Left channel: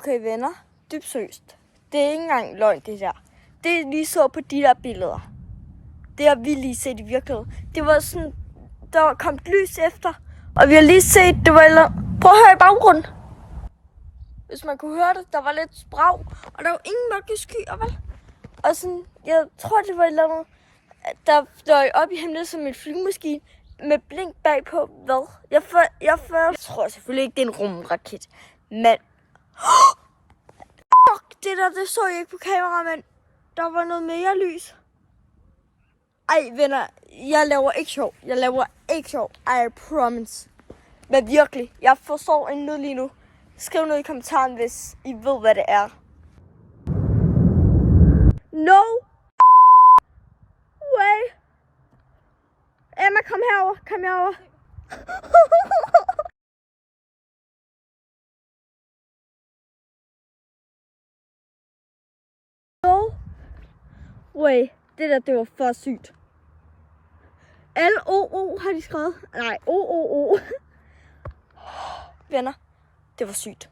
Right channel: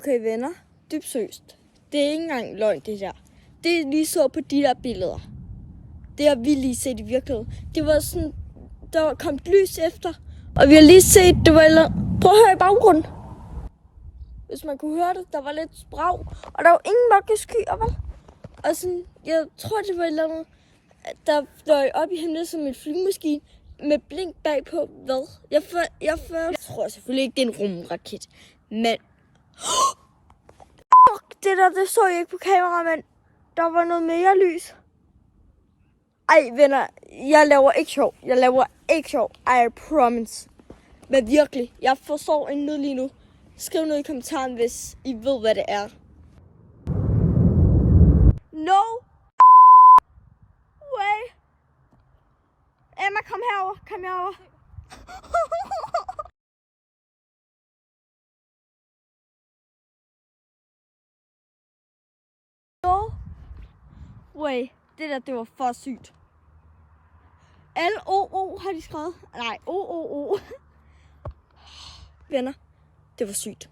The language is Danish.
Okay, venner. Dybt seriøst. Det er ikke engang løgn, det der. Det lige så på de der billeder. Det har vi lige set i virkeligheden. Det var sådan, der var kommet lys efter. Og vi har lige set, det var eller... Prøv at høre i baggrunden. Hvis man kunne høre det, der var lidt sprag. Og der var ingen mørke skyer, vel? Og sådan, jeg tror, det var et eller andet, der fløj op i himlen som en flyvemaskine med blink bagpå. Hvad? Jeg tror selvfølgelig ikke, det er en rumraket. Men... Fuck, det så jeg ikke på kamera, men der var noget mere lys. Ej, venner, jeg laver ikke sjov. I promise. Men virkelig, jeg forstår en nød lige nu. Skriv noget i kommentaren, hvis I ved, hvad det er. No way. Emma, kom herover. No way. Det var for sygt. L-O-O har de skrevet. Nej, O-O-O. Venner, det var sygt.